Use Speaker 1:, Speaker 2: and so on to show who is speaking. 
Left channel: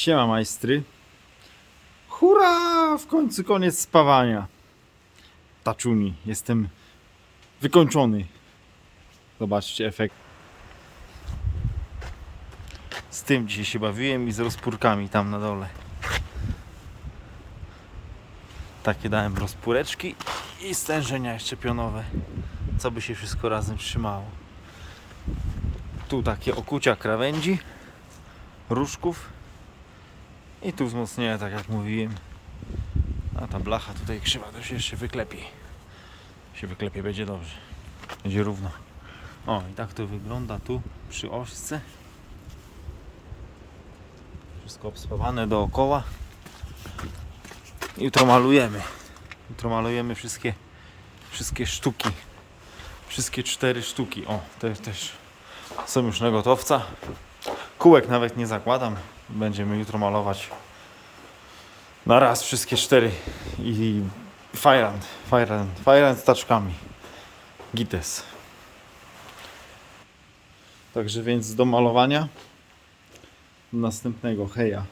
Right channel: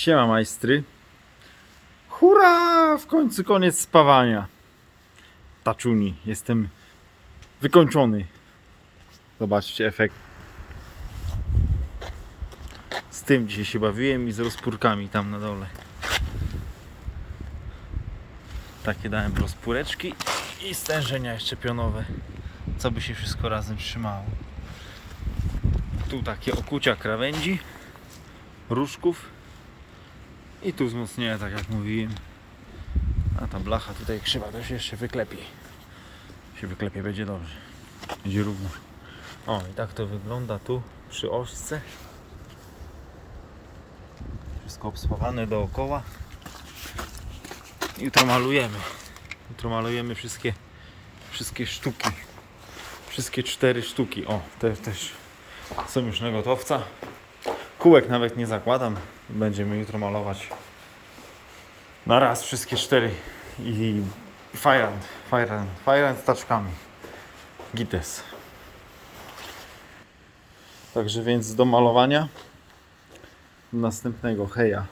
Speaker 1: Siema majstry. Hurra! W końcu koniec spawania. Taczuni. Jestem wykończony. Zobaczcie efekt. Z tym dzisiaj się bawiłem i z rozpórkami tam na dole. Takie dałem rozpóreczki i stężenia jeszcze pionowe. Co by się wszystko razem trzymało. Tu takie okucia krawędzi, różków i tu wzmocnienia, tak jak mówiłem. A ta blacha tutaj krzywa to się jeszcze wyklepie. Się wyklepie, będzie dobrze. Będzie równo. O, i tak to wygląda tu przy ośce. Wszystko obspawane dookoła. Jutro malujemy. Jutro malujemy wszystkie, wszystkie sztuki. Wszystkie cztery sztuki. O, te też są już na gotowca. Kółek nawet nie zakładam. Będziemy jutro malować na raz wszystkie cztery i Firehand, Firehand, Firehand z taczkami. Gites. Także więc do malowania następnego heja.